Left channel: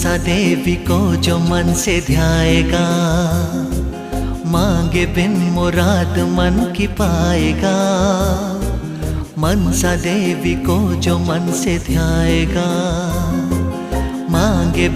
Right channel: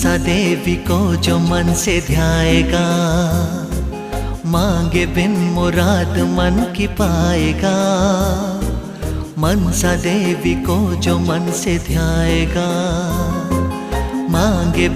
मनसा देवी को जो मन से ध्याएगा, मांगे बिन मुराद मन की पाएगा। मनसा देवी को जो मन से ध्याएगा, मांगे